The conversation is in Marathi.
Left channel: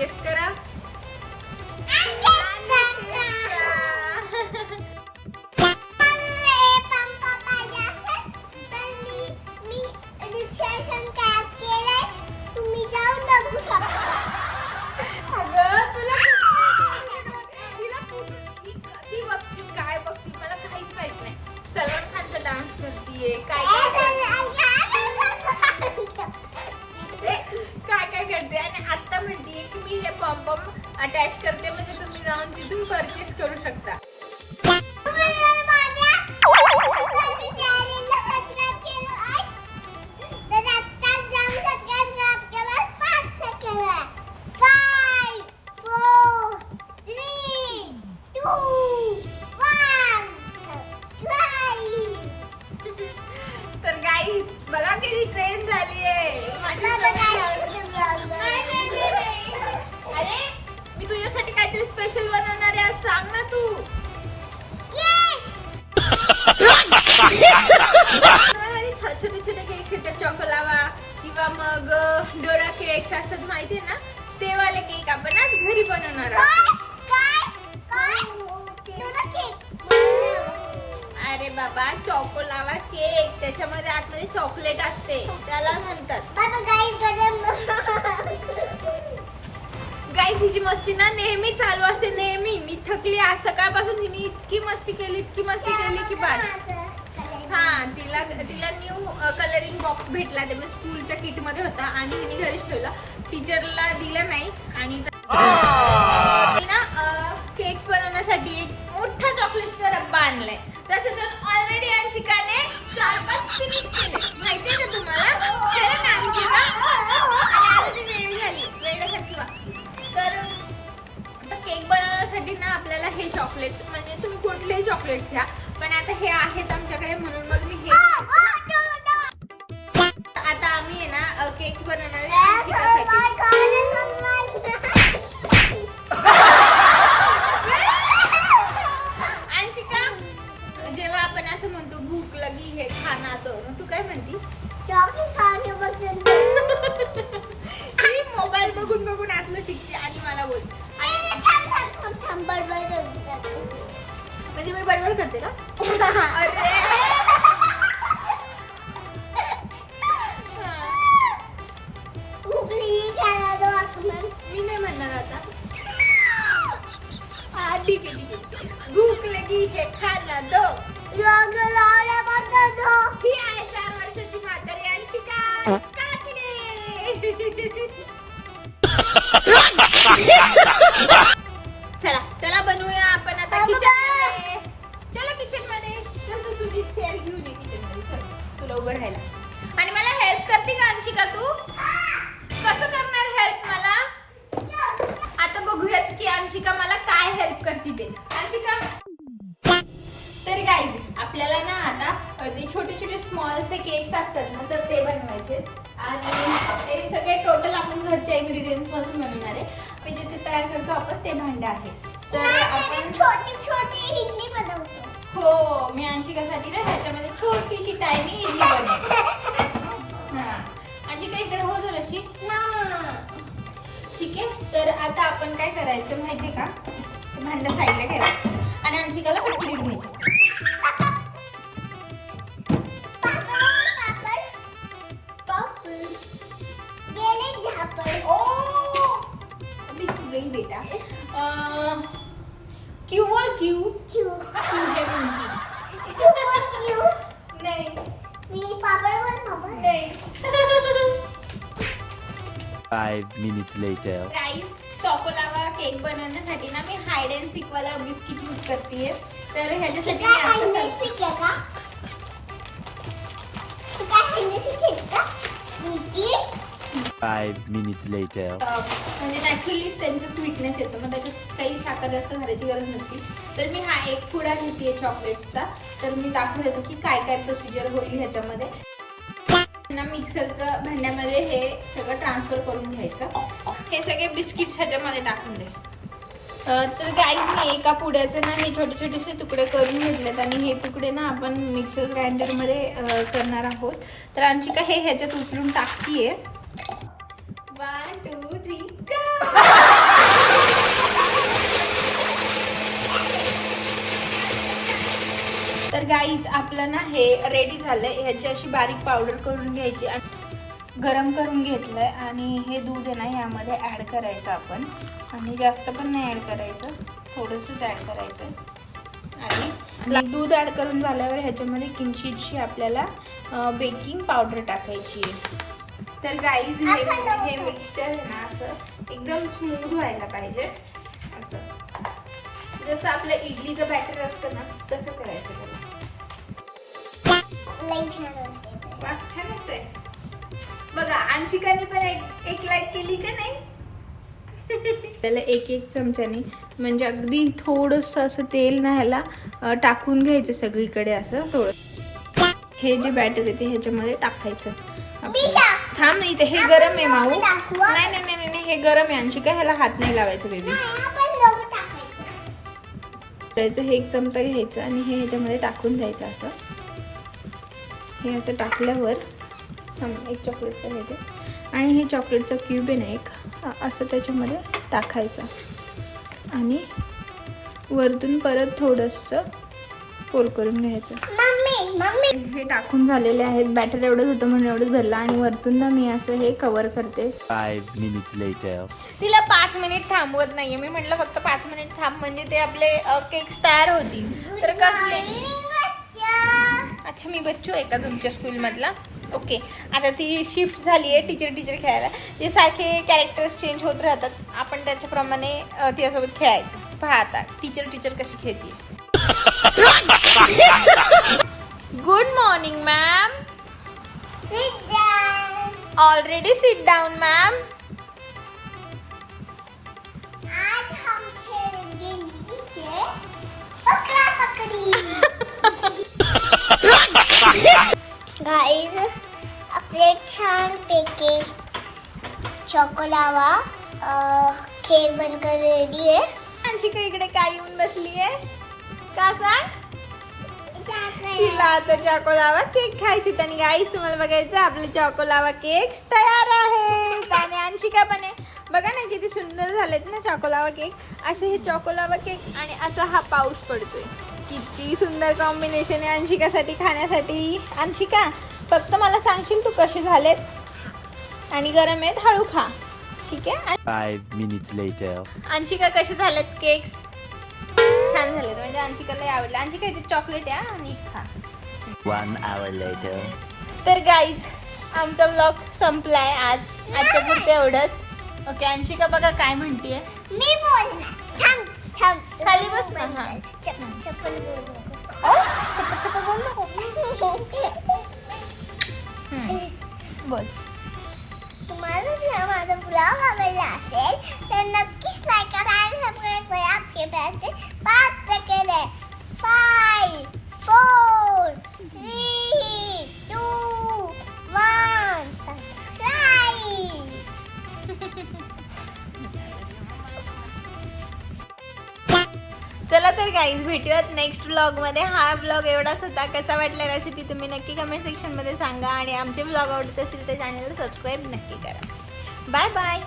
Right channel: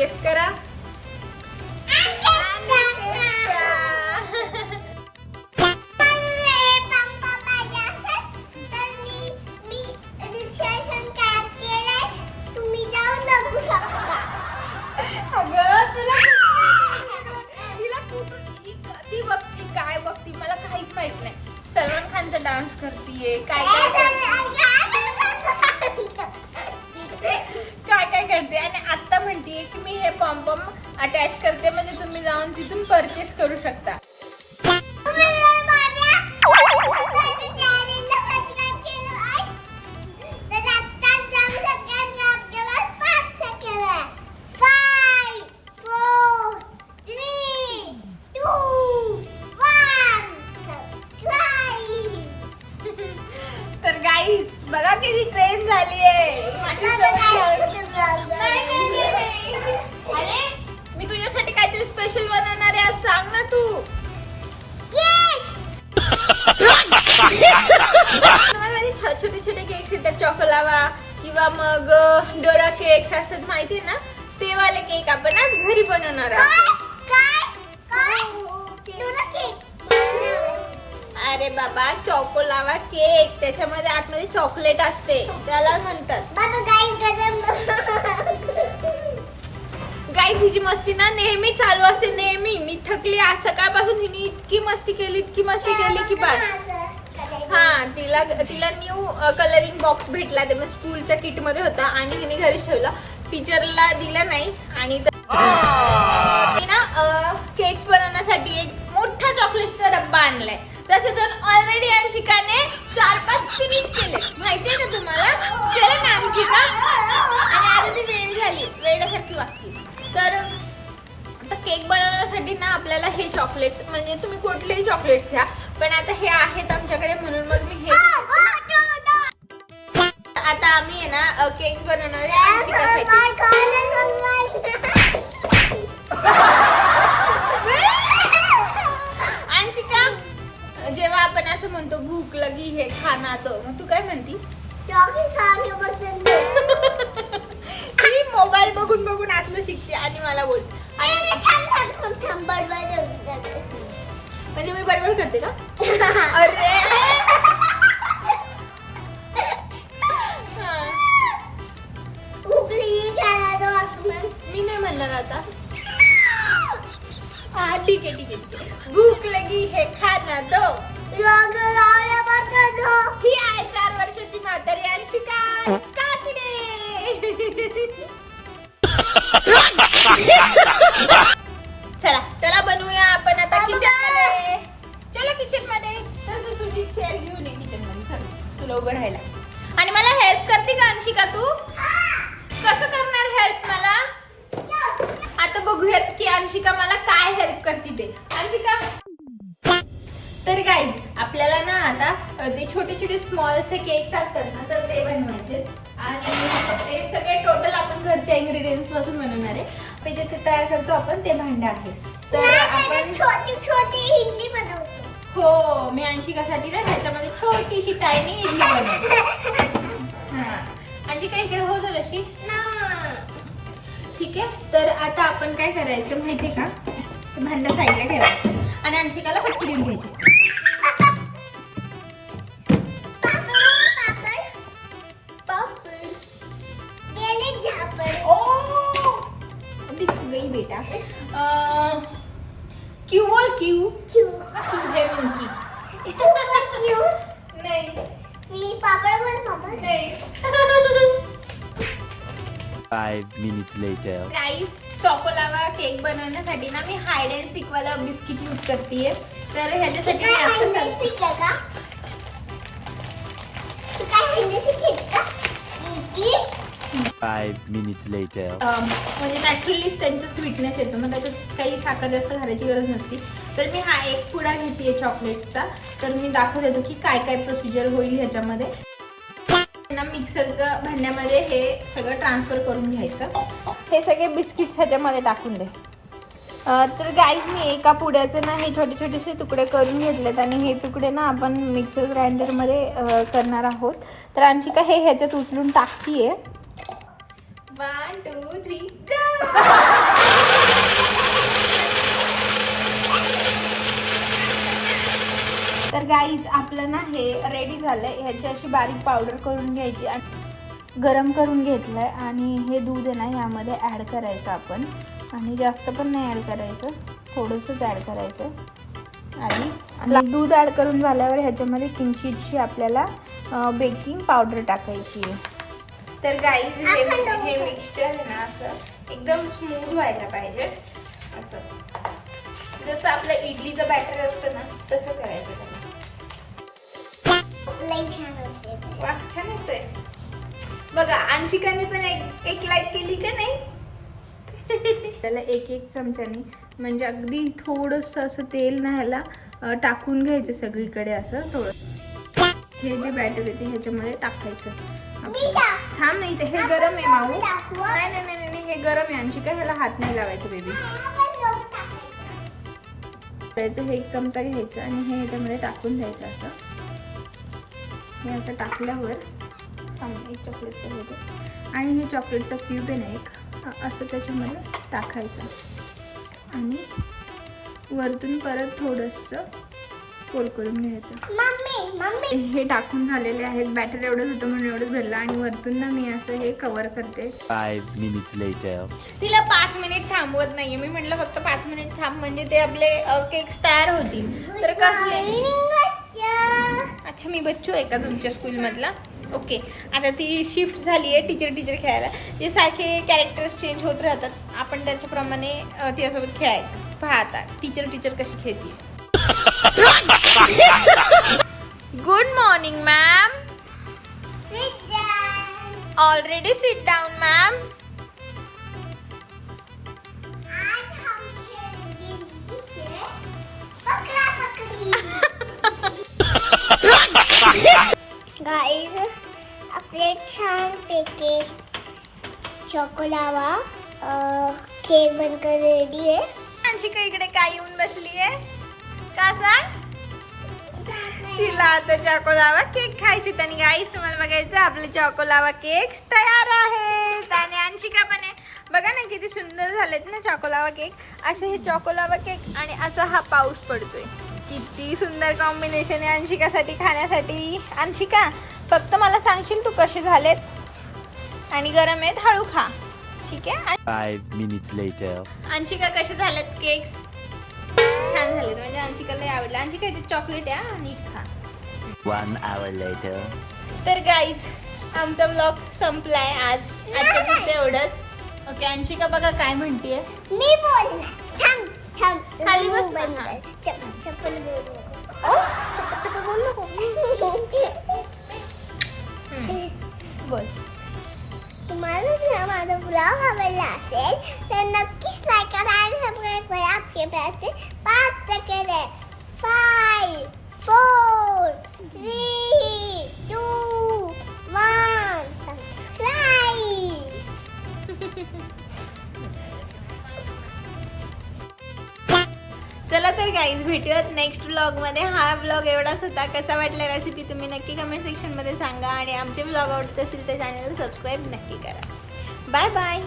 गेस करा. सलमान खानचा डान्स करतीये. काय करते आणि आता म्हणतीये की मी हे पॉम अटॅच करते म्हणजे तुम्ही जाऊन तिथून परचेस करू शकता. तर गाईज बघा किती ट्रेन झाली आहे. अरे मी तुझ्यासाठी काहीतरी स्पेशल बनवणार आहे आज. सांग ना तू. छोटे छोटे केक्स येतात चॉकोलावा किंवा मग डोरा केक्स असतात माहिती ना, ते वाले केक आपण आज घरी बनवणार आहोत. अरे बाबा चॉकोलावा केक, त्याच्यामध्ये आतमध्ये चॉकलेट असते त्याला म्हणतात. गाईज हिची मस्ती ना नेहमी चालू असते. नेहमी मी थकली आज सकाळपासून. हिने इतकी मस्ती केली की बस. हा तिला न्यू कलरिंग बॉक्स भेटला. ते स्कूलच्या किट मध्ये होता आणि हिने घरीच ठेवला. टीचरला दिला नाही. आणि ना केक्स बनवण्यासाठी एक मोठा चॉकलेटचा डब्बा आणलाय. त्याच्यातून ऑलरेडी अंशिकाने 4-5 फिनिश केले. माहितीये का तुम्हाला? केलं ना अंशिका? आणि ती वेळ झाली वेळासारखी वाटली. तर आता केक बनवण्यासाठी ना आपल्याला हे चॉकलेट्स, म्हणजे तुम्ही कुठलेही चॉकलेट्स घ्या, पण आता हे आहेत आमच्याकडे म्हणून मग मी हे. आता आम्ही आहे ना केक्स बनवणार आहे अंशिकासाठी. अंशिका, जेव्हा आपण असं म्हणतो भूक लगी हे खाना, तो मग तू काय म्हणती? ती मोबाईल बघून बघून असलं शिकते आणि मला बोल. म्हणजे मी बडबड करते का? मी नाही म्हणणार आता. हा ठीक आहे. भूक लगी हे खाना दो. ही आहे 4 वर्षाची म्हातारी अंशिका काकडे. चला बनवूया आपण आता किचन मध्ये. चला किचन मध्ये. तर तू तुझी चेअर घेऊन ये किचन मध्ये. चल तुला उभं राहायला. आणि मला हेल्प करते का अंशिका तू? कसं करणार हेल्प मला? आता बघूयात की अंशिका मला काय हेल्प करते ते. अंशिका, तर गाईज आपल्याला ना आता ते छोटे छोटे स्मॉल से केक्स असतात ना, तर ते बनवायचे. आणि ते सगळे टोटल आपण घरच्या इन्ग्रेडियंट्स पासून बनवणार आहे. ते ज्याचे तयार करतो आपण ते भांडे आहे. तर आपण छोटी छोटी इडली बनवतो. हो, मी अंशिकासाठी ना त्याच्यामध्ये छोटीशी टायनी इडली बनवते. हा अंशिका इकडे हो झालंशी. ठीक आहे. तर आता आपण काय करायचं माहितीये का? भांडं साईडला ठेवायचं आणि अंशिकाला फटकी देऊन घ्यायची. बेटा क्यू बोल. क्यू है मंकी. नाही मी पापड बोल. नाही. 5 minutes later. गाईस चॉकोलावा केक बनवण्यासाठी ना मी हाइड अँड सीक वाला बिस्किट यूज करतेय. तर ह्याच्यासाठी मी असं का? 5 minutes later. म्हणजे नॅचरली त्यांचा स्वीटनेस येतो. मग त्याच्यात काही साखर जास्त घालायची गरज नसते. तर मी हा एक पुडा घेते चॉकलेटचा. तर मी दाखवत येतो की काय काय प्रोसिजर होईल ह्याच्यामध्ये. मिक्सरचं भांड्यामध्ये हे सगळं ट्रान्सफर करून घ्यायचं. हे सगळे बिस्किट्स ह्याच्यामध्ये टाकून दे. तर गाईज मी एका पुड्याचे ना हे छोटे छोटेसे तुकडे करून घेतलेत आणि हे तुकडे ना आपण मिक्सर ग्राइंडरमध्ये करणार आहोत. तर अंशिका हे ह्याच्यात उचलून टाकतीये. 1 2 3 go. तर गाईज आपलं ना हे रेडी झालंय. ह्याची अशी बारीक पावडर करून घ्यायची आणि गरम करून घेतलंय. आणि हे दूध आहे ना यामध्ये ॲड करायचं आपण. आणि जास्त पण नाही ॲड करायचं, थोडंसंच ॲड करायचं आणि दूध ॲड करून झाल्यावर ह्याच्यामध्ये किंचितशी आपल्याला बेकिंग पावडर टाकायची आहे. तर गाईज हे मिक्सचर आहे ना असं एकदम स्मूथ व्हायला पाहिजे. असं जसं आपलं इडलीचं बॅटर असतं ना तसं करायचं. वास छान येतोय बघा. अंशिकाने पण एक लाईक केली का नाही? त्याला एक चमच्याने म्हणजे अगदी थोडंसं असं तेल ना ह्याला टाकून घ्यायचं सगळीकडे असं थोडं. हे जे बॅटर आहे ते ह्याच्यामध्ये टाकायचं. थांब नाही ते हे गरम आहे माऊ. नाही नाही नाही नाही हे गरम आहे अंशिका, ह्याला हात नाही लावायचं बेबी. हे एक चमचा घ्यायचं आणि हे ह्याच्यामध्ये टाकून द्यायचं असं. हे असं टाकल्यावर एक चॉकलेटचं घ्यायचं आणि हे चॉकलेटचं क्यूब आहे ना एक असं त्याच्यामध्ये टाकायचं आणि वरतून परत थोडंसं फोल्ड करून घ्यायचं. हे टाकून झालेले आहेत. बॅटर एवढंच होतं म्हणून एवढंच भरलं आणि वरतून ना मी असं हे कव्हर करते. 5 minutes later. तिला 5 मिनिट थांबवत नाहीये. मी म्हटलं फक्त 5 मिनिट थांब म्हणजे ते आपले केक्स तयार होतील. तर कसले? अच्छा मी बच्चू आहे का तुमच्या स्कूलमधला? ओके. आता ती शिफ्ट झाली आहे टीचर खेळायला. ते सारखे कॅरेक्टर्स चेंज होत राहतात. आपण त्याच्याप्रमाणे तिच्यासोबत खेळायचं. पहा आता टीचर कशी खेळते. Good morning ma'am. Already sit down ma'am. Guys आपले छान पैकी चॉकोलावा केक बनकर रेडी आहे. अंशिका इकडे काय येऊन बसली आहे का सांग? तिला आता चॉकोलावा केक खायचे. आणि गाईस तुम्हाला बघायचं आपले चॉकोलावा केक तयार आहेत. आणि अंशिका पण आहे. बघा ना किती सुंदर झालेत ना चॉकोलावा केक. असे हे चॉकोलावा केक आणि असा हा पाऊस पडतोय. किती सुंदर कॉम्बिनेशन आहे अंशिकासाठी खाण्यासाठी. अंशिका फक्त मला सांगशील तू कसे झालेत आणि गरम आहेत हळू खा ठीक आहे. 5 minutes later. अंशिका कसे झालेत केक्स? छान झालेत म्हणजे अंशिकाला आवडलं. अंशिका याचे चॉकलेट आहे नीट खा. 1 hour later. तर गाईज आमचा व्लॉग संपलाय आजच्या पुरते एवढंच. ओके अंशिका बघा काय म्हणतेय. मी बोलणार. थांब खाली बस ना. हा. चप्पल बोल नको. चप्पल बोल नको. बोल. तुम्हाला जर माझा ब्लॉग आवडला असेल तर नक्कीच लाईक करा आणि सबस्क्राइब करा. आपके पैसे 5 सेकंड है. 5 4 3 2 1 सबस्क्राइब. चला तर गाईज भेटूयात नेक्स्ट व्लॉग मध्ये. हा व्लॉग एवढाच होता. कसा वाटला रेसिपी तुम्ही नक्की कमेंट सेक्शन मध्ये सांगा. आणि आमचे व्लॉग आवडत असेल तर चॅनलला सबस्क्राईब नक्की करा. Bye bye.